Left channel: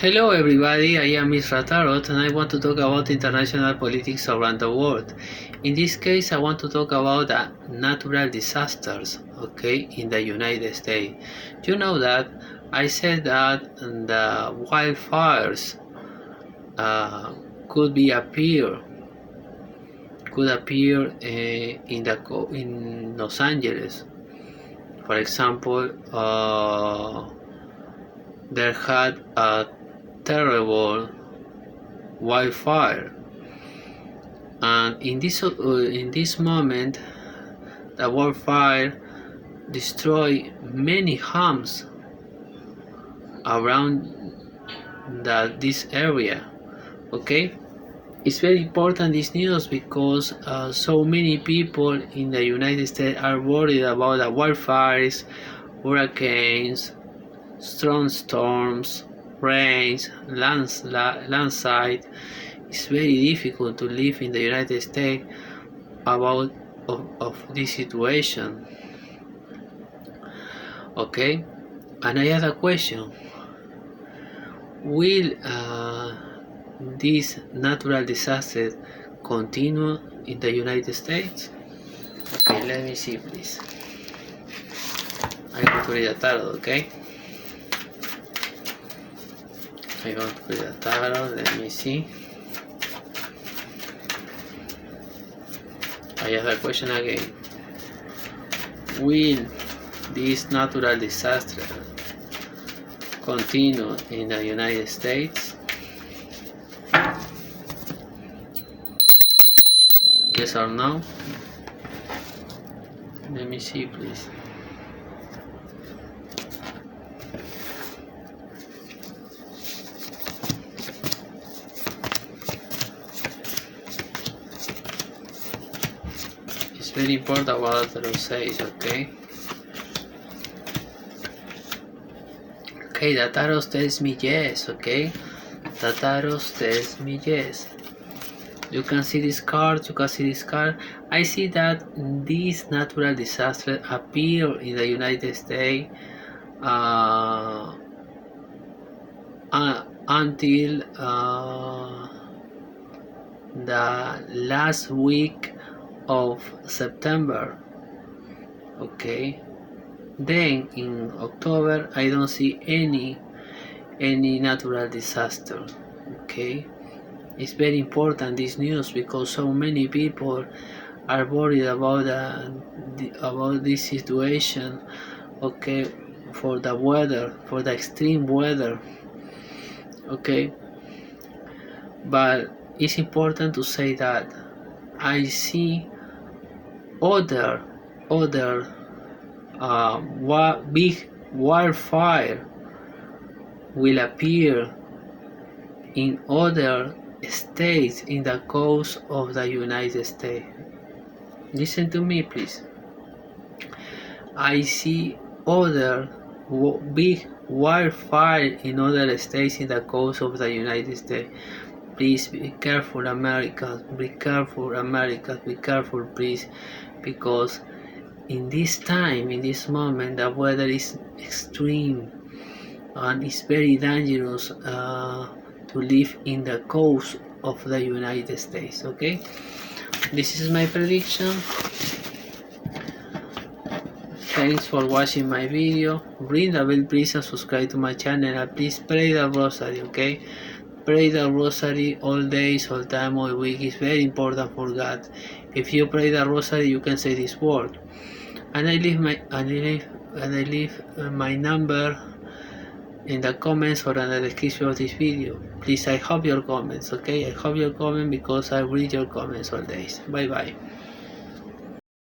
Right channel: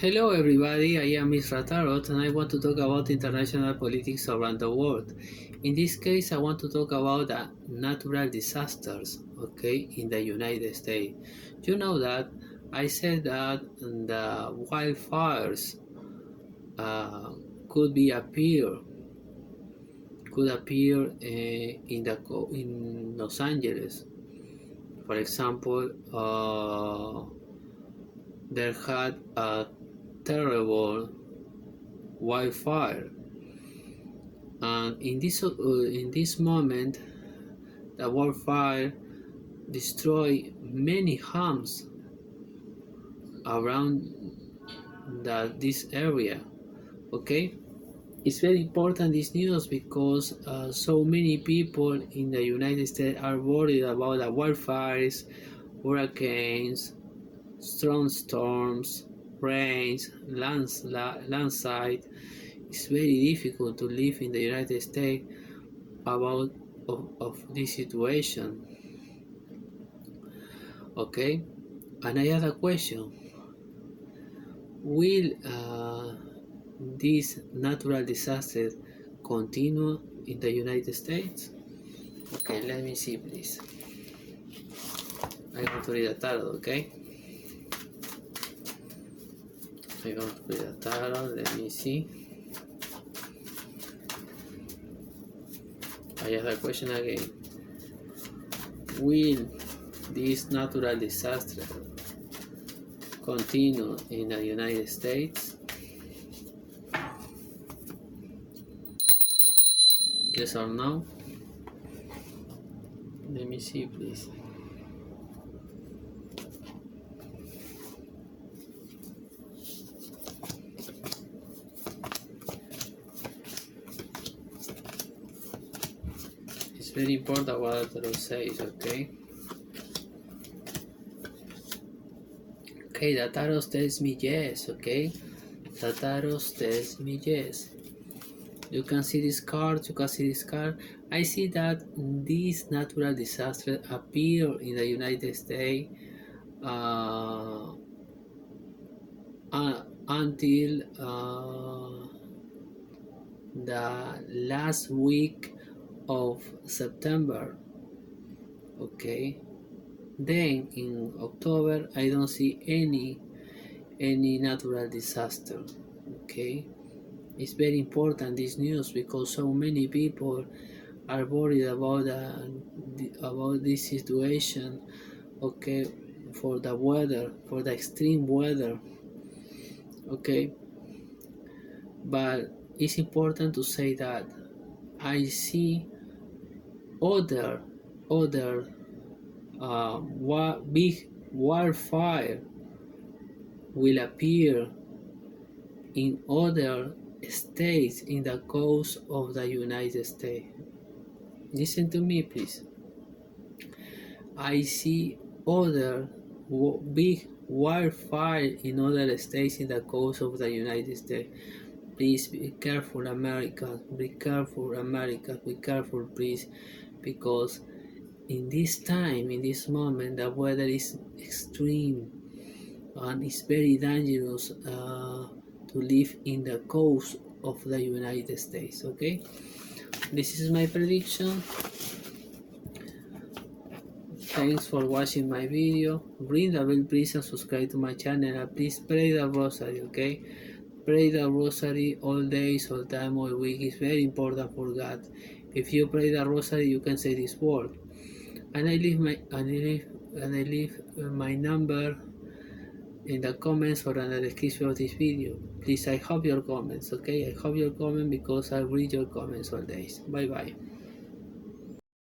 Hello everybody, I am Mr. Tarot and I want to talk about international politics around the world. In this case, I want to talk about natural disasters, okay, in the United States. You know that I said that the wildfires uh, could appear in Los Angeles. For example, there had a terrible wildfire, and in this moment, the wildfire destroyed many homes around this area. Okay, it's very important this news because so many people in the United States are worried about the wildfires, hurricanes, strong storms, rains, landslide. It's very difficult to live in the United States of this situation. Okay, and I have a question: will this natural disaster continue in the United States? Okay, let me see, please. I'm going to read a tarot. Okay, I'm going to read a tarot. Let me see. I have a question again. Will this natural disaster continue in the United States? Yes or no? Let me see, please. It's very important what the tarot says, okay? Okay, the tarot tells me yes, okay? The tarot tells me yes. You can see this card, I see that this natural disaster appeared in the United States until the last week of September. Okay, then in October I don't see any natural disaster. Okay, it's very important this news because so many people are worried about this situation. Okay, for the weather, for the extreme weather. Okay, but it's important to say that I see other big wildfire will appear in other states in the coast of the United States. Listen to me, please. I see other big wildfire in other states in the coast of the United States. Please be careful, Americans. Be careful, Americans. Be careful, please, because in this time, in this moment, the weather is extreme and it's very dangerous to live in the coast of the United States. Okay, this is my prediction. Thanks for watching my video. Ring the bell please and subscribe to my channel, and please pray the rosary. Okay, pray the rosary all days, all time, all week. It's very important for God. If you pray the rosary, you can say this word. And I leave my number in the comments or in the description of this video. Please, I hope your comments. Okay, I hope your comment because I read your comments all days. Bye bye.